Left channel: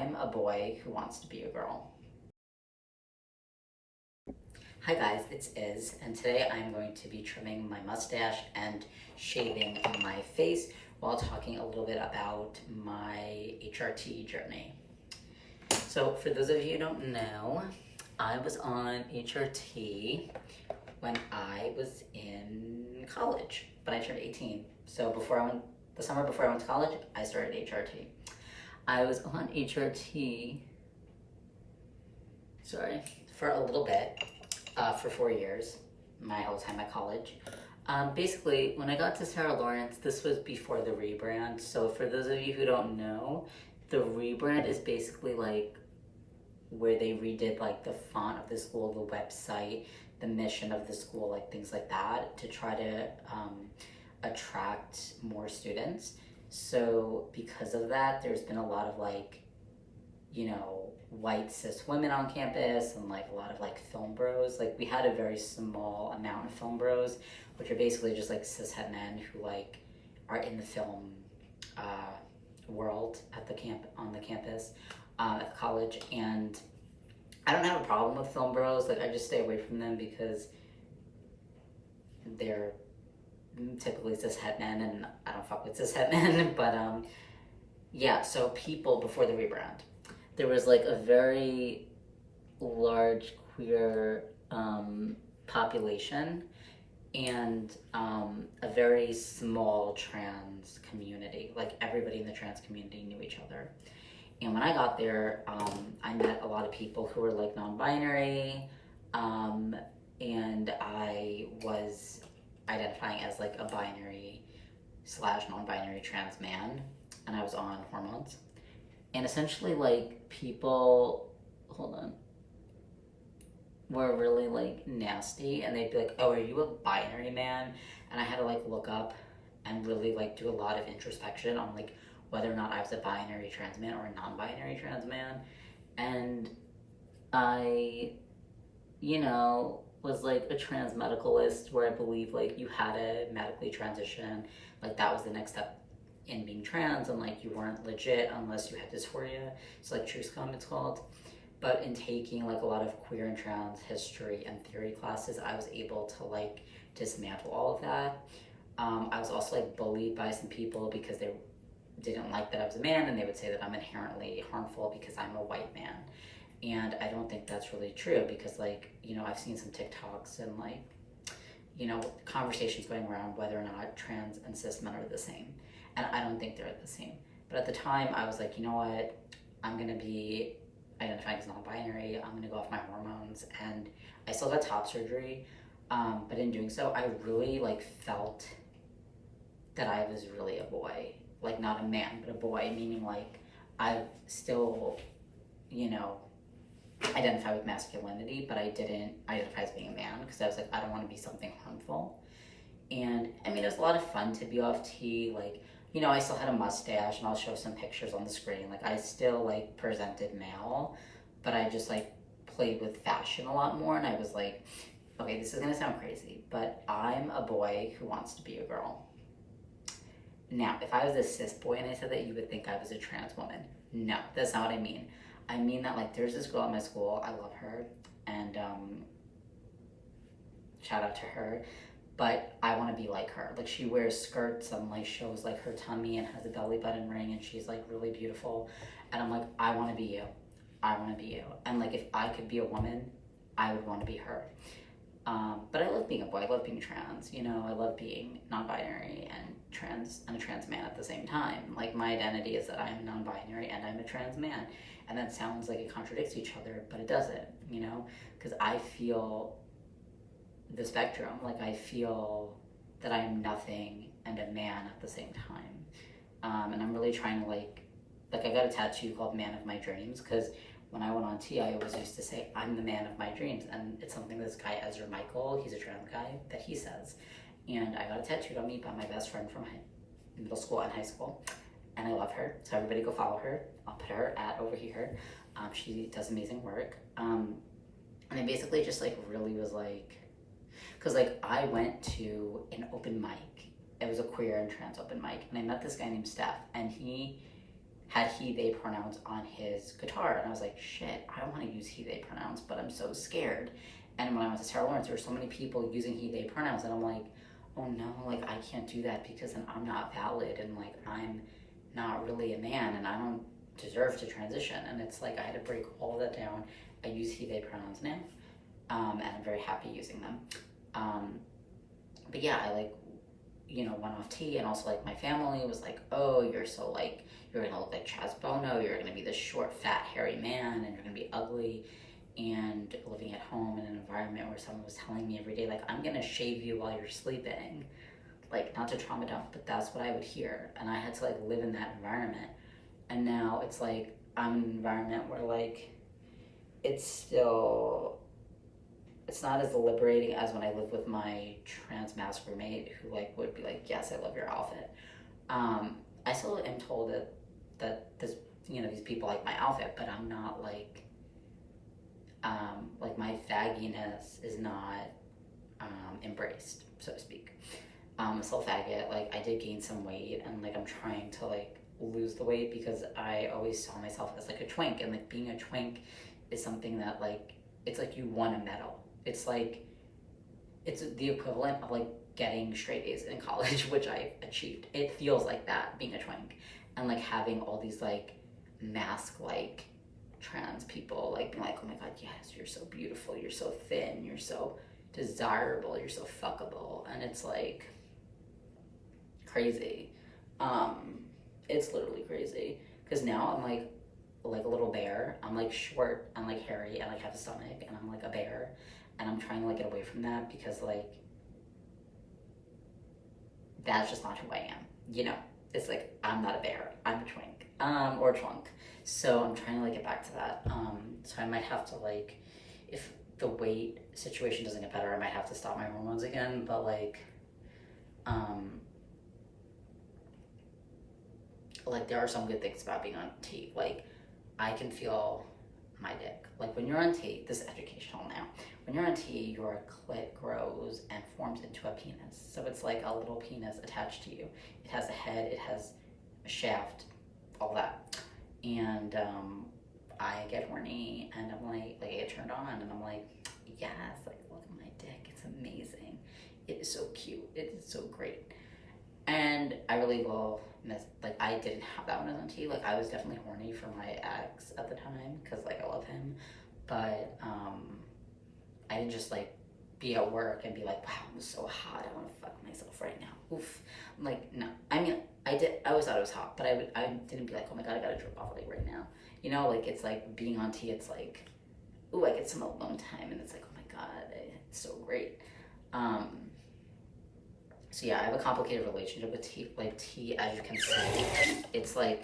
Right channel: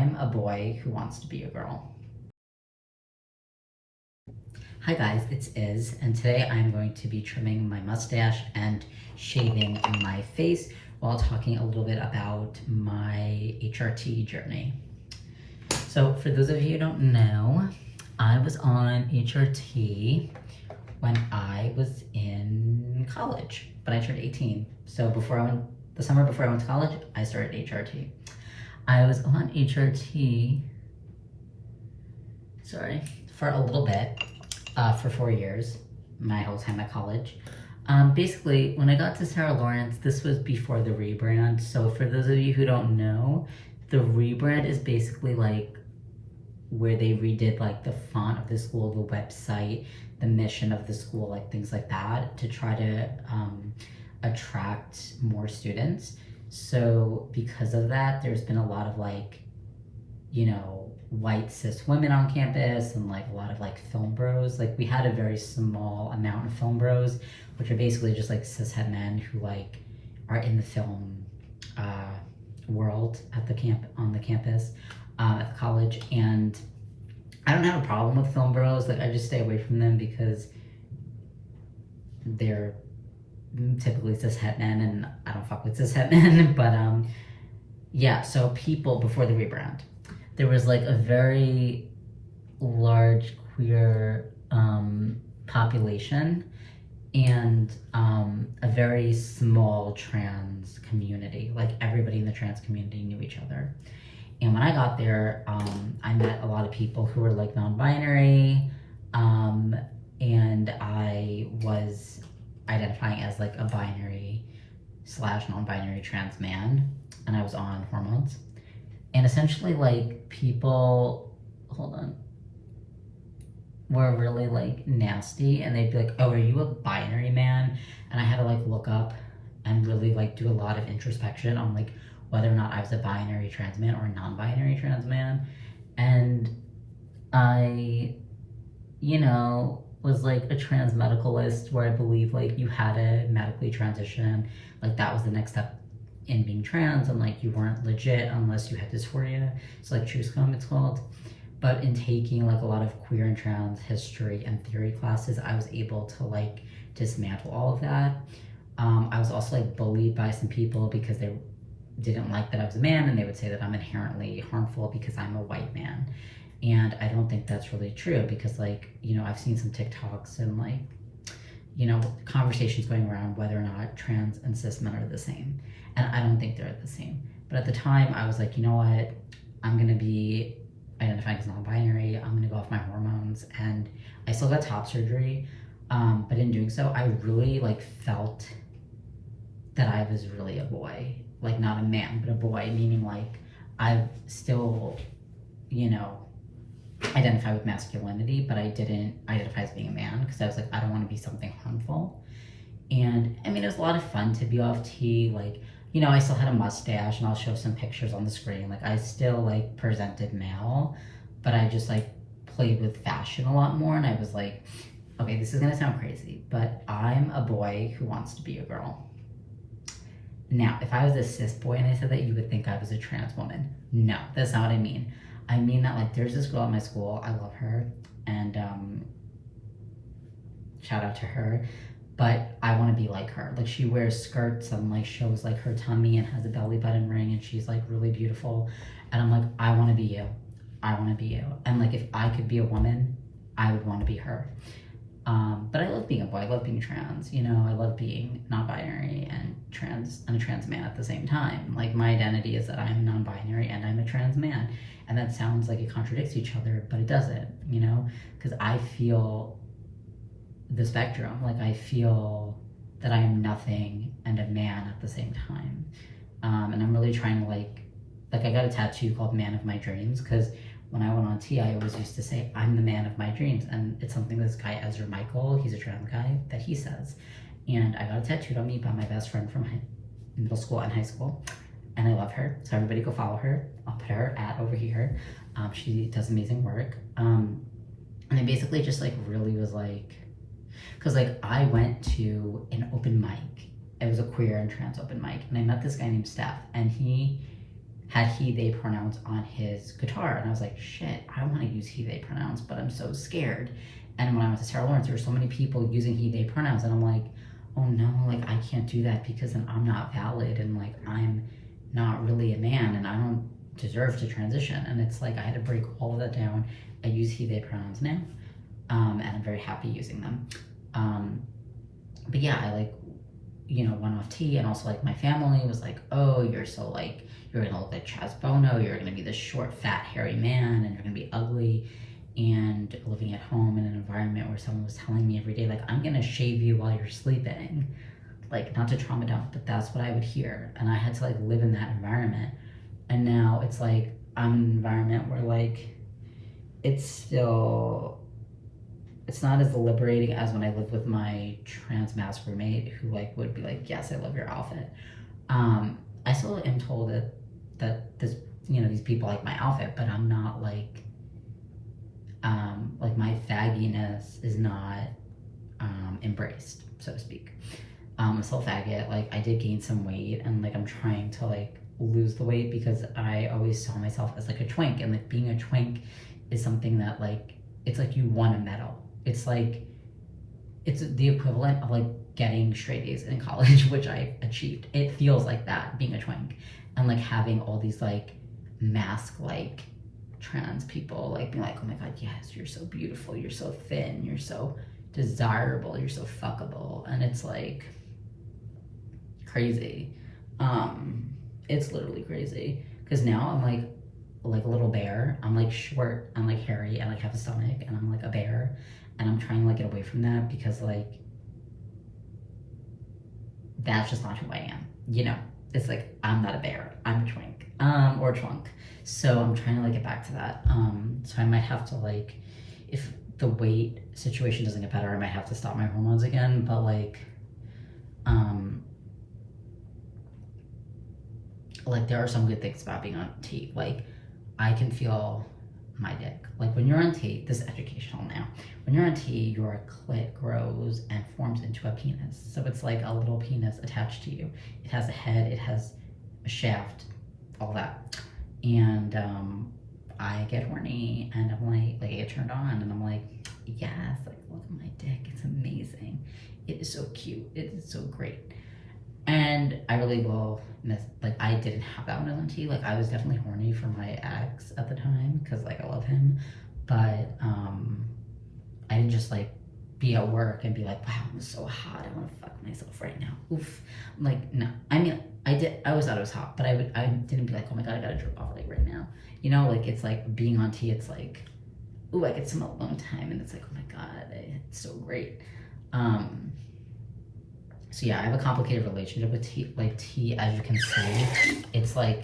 I'm a boy who wants to be a girl. Hi guys, it's Iz, and today I'm going to be trimming my mustache and shaving my face while talking a little bit about my HRT journey. So for those of you who don't know, I was on HRT when I was in college, but I turned 18. So the summer before I went to college, I started HRT. I was on HRT, for a little bit, for 4 years, my whole time at college. Basically, when I got to Sarah Lawrence, this was before the rebrand. So for those of you who don't know, the rebrand is basically like where they redid like the font of the school, the website, the mission of the school, like things like that, to try to attract more students. So because of that, there's been a lot of like, you know, white cis women on campus and like a lot of like film bros. Like we had a very small amount of film bros, which are basically just like cishet men who like are in the film world at the campus at the college. And I don't have a problem with film bros. Like I just stay away from them because they're typically cishet men and I don't fuck with cishet men. But yeah, so people before the rebrand, there was like a very large queer population and a very small trans community. Like everybody in the trans community knew each other. And when I got there, I met a lot of people who were like non-binary, and I was identifying as like a binary / non-binary trans man, and I was on hormones. And essentially like people, were really like nasty, and they'd be like, oh, are you a binary man? And I had to like look up and really like do a lot of introspection on like whether or not I was a binary trans man or a non-binary trans man. And I, you know, was like a trans medicalist, where I believe like you had to medically transition, like that was the next step in being trans, and like you weren't legit unless you had dysphoria. So like TrueScum it's called. But in taking like a lot of queer and trans history and theory classes, I was able to like dismantle all of that. I was also like bullied by some people because they didn't like that I was a man, and they would say that I'm inherently harmful because I'm a white man. And I don't think that's really true, because like, you know, I've seen some TikToks and like, you know, conversations going around whether or not trans and cis men are the same. And I don't think they're the same. But at the time I was like, you know what, I'm gonna be identifying as non-binary, I'm gonna go off my hormones. And I still got top surgery, but in doing so, I really like felt that I was really a boy. Like not a man, but a boy, meaning like I still, you know, identify with masculinity, but I didn't identify as being a man, because I was like, I don't want to be something harmful. And I mean, it was a lot of fun to be off T. Like, you know, I still had a mustache, and I'll show some pictures on the screen. Like I still like presented male, but I just like played with fashion a lot more. And I was like, okay, this is gonna sound crazy, but I'm a boy who wants to be a girl. Now, if I was a cis boy and I said that, you would think I was a trans woman. No, that's not what I mean. I mean that like there's this girl at my school, I love her, and shout out to her, but I want to be like her. Like she wears skirts and like shows like her tummy and has a belly button ring, and she's like really beautiful. And I'm like, I want to be you. I want to be you. And like if I could be a woman, I would want to be her. But I love being a boy, I love being trans, you know, I love being non-binary and a trans man at the same time. Like my identity is that I'm non-binary and I'm a trans man. And that sounds like it contradicts each other, but it doesn't, you know, because I feel the spectrum. Like I feel that I am nothing and a man at the same time. And I'm really trying to like I got a tattoo called Man of My Dreams, because when I went on T, I always used to say, I'm the man of my dreams. And it's something this guy, Ezra Michael, he's a trans guy, that he says. And I got it tattooed on me by my best friend from middle school and high school. And I love her, so everybody go follow her. I'll put her over here. She does amazing work. And I basically just like really was like, because like I went to an open mic. It was a queer and trans open mic. And I met this guy named Steph, and he had he, they pronouns on his guitar. And I was like, shit, I want to use he, they pronouns, but I'm so scared. And when I went to Sarah Lawrence, there were so many people using he, they pronouns. And I'm like, oh no, like I can't do that because then I'm not valid and like I'm not really a man and I don't deserve to transition. And it's like I had to break all of that down. I use he, they pronouns now. And I'm very happy using them. But yeah, I like, you know, went off T, and also like my family was like, oh, you're so like, you're gonna look like Chaz Bono, you're gonna be this short, fat, hairy man, and you're gonna be ugly. And living at home in an environment where someone was telling me every day, like, I'm gonna shave you while you're sleeping. Like, not to trauma dump, but that's what I would hear. And I had to like live in that environment. And now it's like, I'm in an environment where like, it's not as liberating as when I lived with my transmasc roommate who like would be like, yes, I love your outfit. I still am told that this, you know, these people like my outfit, but I'm not like my fagginess is not embraced, so to speak. I'm still faggot. Like I did gain some weight, and like I'm trying to like lose the weight because I always saw myself as like a twink, and like being a twink is something that like, it's like you won a medal. It's like, it's the equivalent of like getting straight A's in college, which I achieved. It feels like that, being a twink. And like having all these like masc like trans people like being like, oh my god, yes, you're so beautiful, you're so thin, you're so desirable, you're so fuckable. And it's like crazy. It's literally crazy. Because now I'm like a little bear. I'm like short, I'm like hairy, and like have a stomach, and I'm like a bear. And I'm trying to like get away from that because like that's just not who I am. You know, it's like I'm not a bear, I'm a twink, or a trunk. So I'm trying to like get back to that. So I might have to like, if the weight situation doesn't get better, I might have to stop my hormones again. But like there are some good things about being on T. Like I can feel my dick. Like when you're on T, this is educational now. When you're on T, your clit grows and forms into a penis. So it's like a little penis attached to you. It has a head, it has a shaft, all that. And I get horny and I'm like I get turned on and I'm like, yes, like look at my dick, it's amazing. It is so cute, it is so great. And I really will miss, like I didn't have that when I was on T. Like I was definitely horny for my ex at the time because like I love him, but I didn't just like be at work and be like, wow, I'm so hot, I want to fuck myself right now. Oof. Like no, I mean I always thought it was hot, but I didn't be like, oh my god, I gotta jerk off like right now. You know, like it's like being on T, it's like, ooh, I get some alone time, and it's like, oh my god, it's so great. So yeah, I have a complicated relationship with T. Like T, as you can see, it's like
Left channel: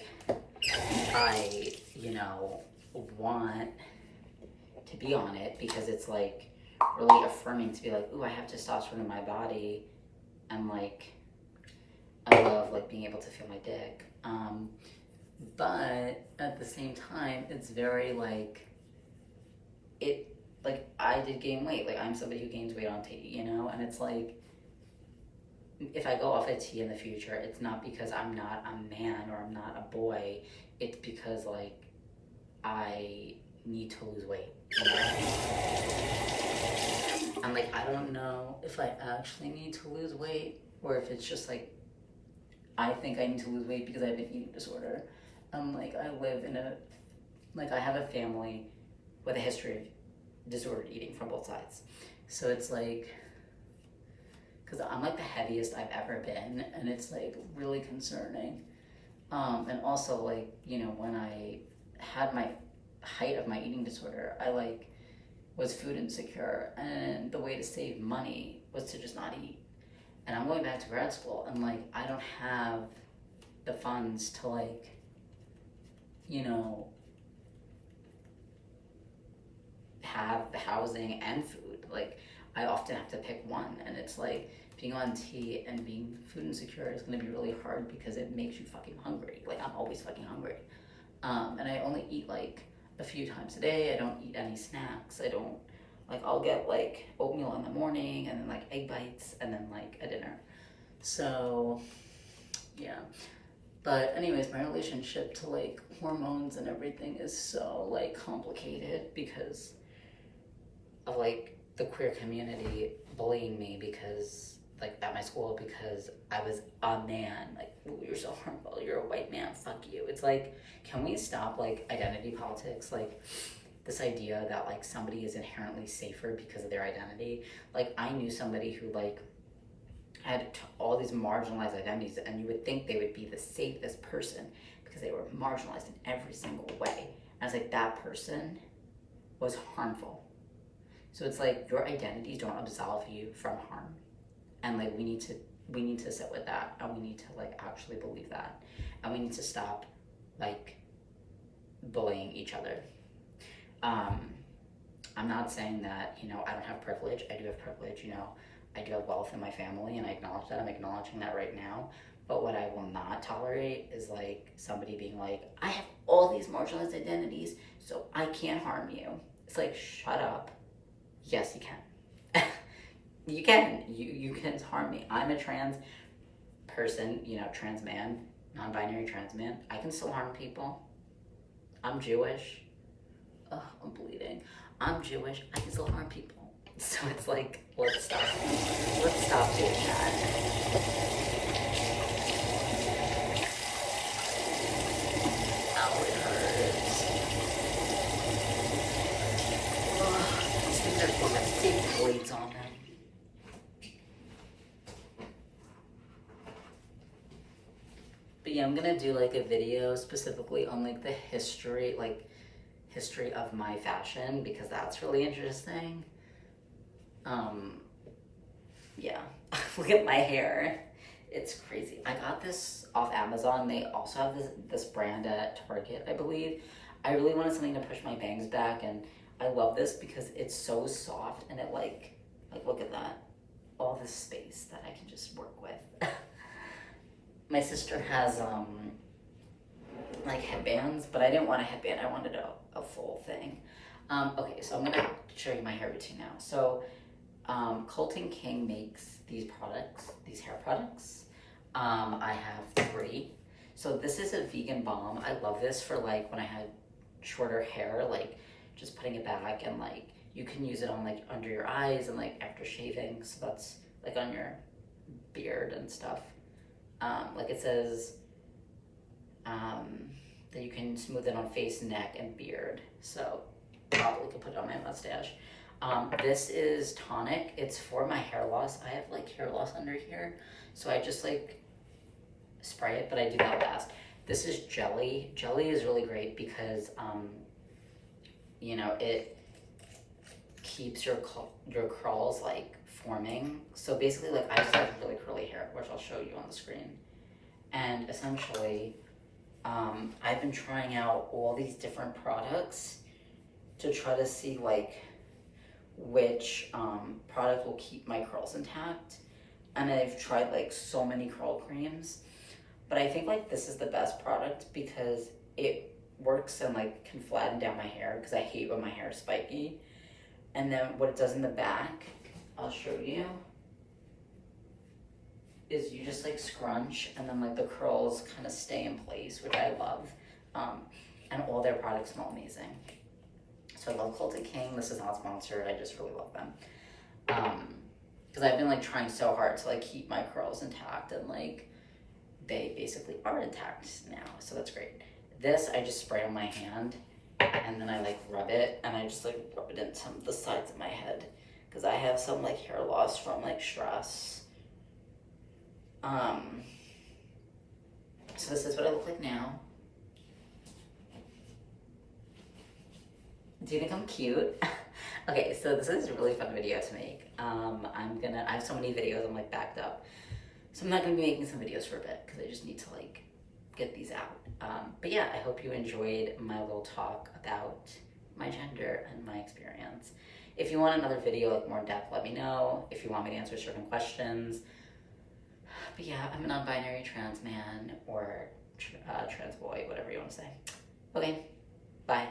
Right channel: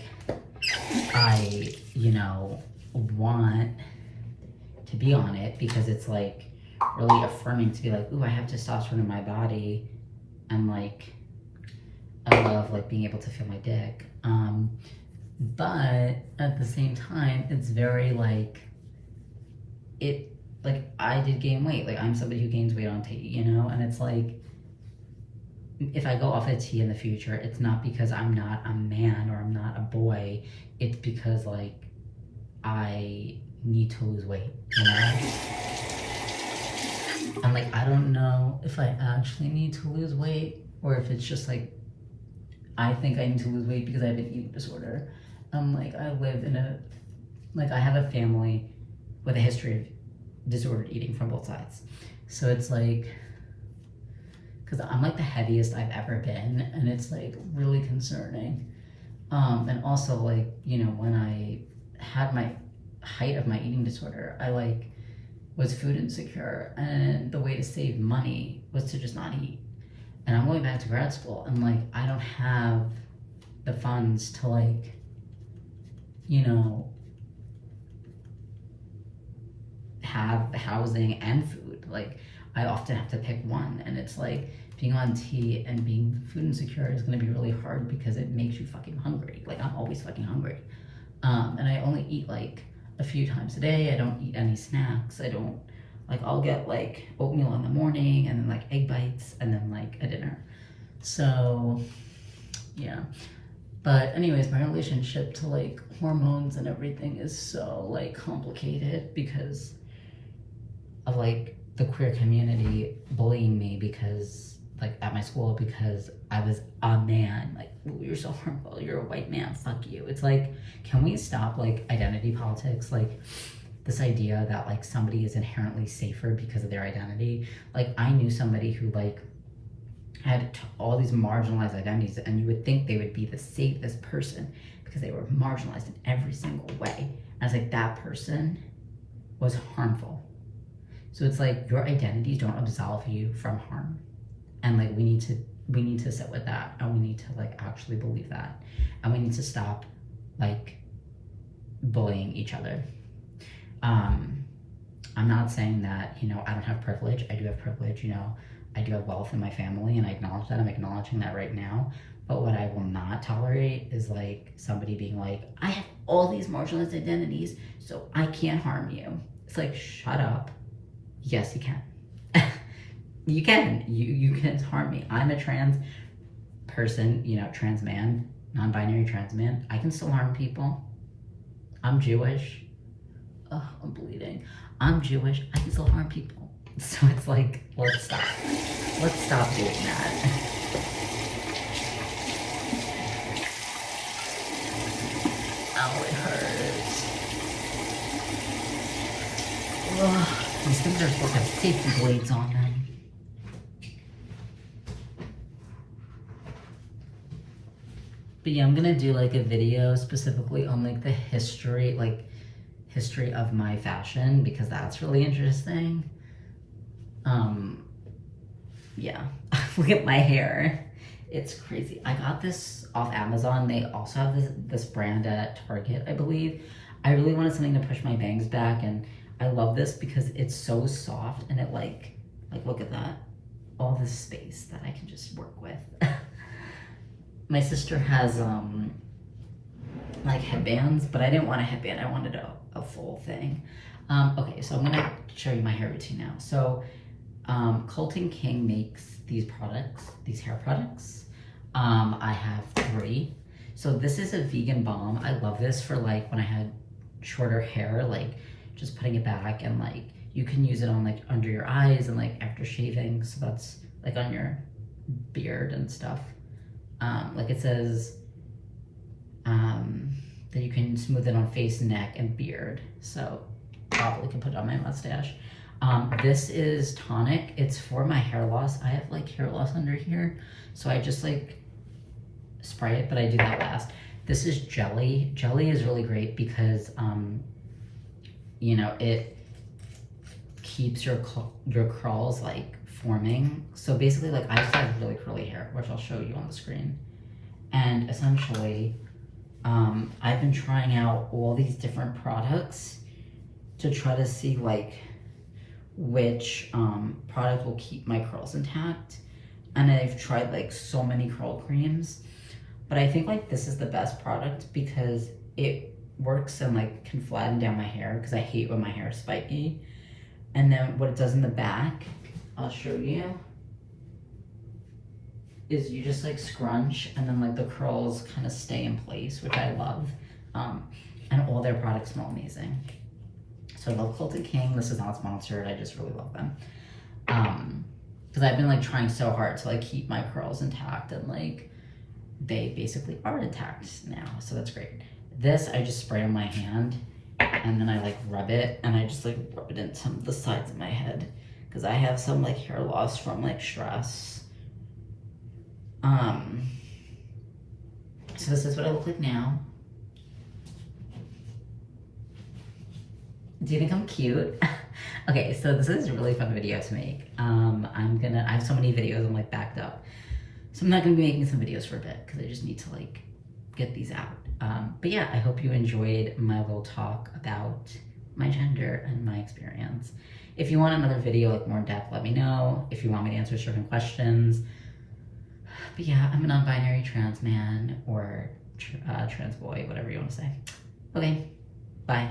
I, you know, want to be on it because it's like really affirming to be like, ooh, I have testosterone in my body, and like I love like being able to feel my dick. But at the same time, it's very like I did gain weight. Like I'm somebody who gains weight on T, you know, and it's like, if I go off a T in the future, it's not because I'm not a man or I'm not a boy. It's because like I need to lose weight, you know? And like I don't know if I actually need to lose weight or if it's just like I think I need to lose weight because I have an eating disorder. Like I live in I have a family with a history of disordered eating from both sides. So it's like, because I'm like the heaviest I've ever been, and it's like really concerning. And also like, you know, when I had my height of my eating disorder, I like was food insecure, and the way to save money was to just not eat. And I'm going back to grad school, and like I don't have the funds to like, you know, have the housing and food. Like I often have to pick one, and it's like being on T and being food insecure is going to be really hard because it makes you fucking hungry. Like I'm always fucking hungry. And I only eat like a few times a day. I don't eat any snacks. I don't, like I'll get like oatmeal in the morning and then like egg bites and then like a dinner. So yeah, But anyways, my relationship to like hormones and everything is so like complicated because of like the queer community bullying me because like at my school because I was a man. Like, "Ooh, you're so harmful, you're a white man, fuck you." It's like, can we stop like identity politics? Like this idea that like somebody is inherently safer because of their identity. Like I knew somebody who like had all these marginalized identities, and you would think they would be the safest person because they were marginalized in every single way. And I was like, that person was harmful. So it's like your identities don't absolve you from harm, and like we need to sit with that, and we need to like actually believe that, and we need to stop like bullying each other. I'm not saying that, you know, I don't have privilege. I do have privilege, you know. I do have wealth in my family, and I acknowledge that. I'm acknowledging that right now. But what I will not tolerate is like somebody being like, I have all these marginalized identities, so I can't harm you. It's like, shut up. Yes, you can. You can. You can harm me. I'm a trans person, you know, trans man, non-binary trans man. I can still harm people. I'm Jewish. Ugh, I'm bleeding. I'm Jewish. I can still harm people. So it's like, let's stop. Let's stop doing that. Ow, it hurts. Ugh, these things are supposed to have safety blades on them. But yeah, I'm gonna do like a video specifically on like the history of my fashion because that's really interesting. Yeah, look at my hair. It's crazy. I got this off Amazon. They also have this brand at Target, I believe. I really wanted something to push my bangs back, and I love this because it's so soft, and it like look at that. All this space that I can just work with. My sister has like headbands, but I didn't want a headband. I wanted a full thing. Okay, so I'm gonna show you my hair routine now. So Colton King makes these products, these hair products. I have 3. So this is a vegan balm. I love this for like when I had shorter hair, like just putting it back, and like you can use it on like under your eyes and like after shaving. So that's like on your beard and stuff. Like it says that you can smooth it on face, neck, and beard. So probably can put it on my mustache. This is tonic. It's for my hair loss. I have like hair loss under here, so I just like spray it, but I do that last. This is jelly. Jelly is really great because you know, it keeps your curls like forming. So basically, like I just have really curly hair, which I'll show you on the screen. And essentially, I've been trying out all these different products to try to see like which product will keep my curls intact. And I've tried like so many curl creams, but I think like this is the best product because it works and like can flatten down my hair because I hate when my hair is spiky. And then what it does in the back, I'll show you, is you just like scrunch and then like the curls kind of stay in place, which I love. And all their products smell amazing. So I love Colton King. This is not sponsored. I just really love them. Because I've been like trying so hard to like keep my curls intact, and like they basically are intact now. So that's great. This I just spray on my hand, and then I like rub it, and I just like rub it into the sides of my head because I have some like hair loss from like stress. So this is what I look like now. Do you think I'm cute? Okay, so this is a really fun video to make. I have so many videos, I'm like backed up. So I'm not gonna be making some videos for a bit because I just need to like get these out. But yeah, I hope you enjoyed my little talk about my gender and my experience. If you want another video like more in depth, let me know. If you want me to answer certain questions. But yeah, I'm a non-binary trans man or trans boy, whatever you want to say. Okay, bye.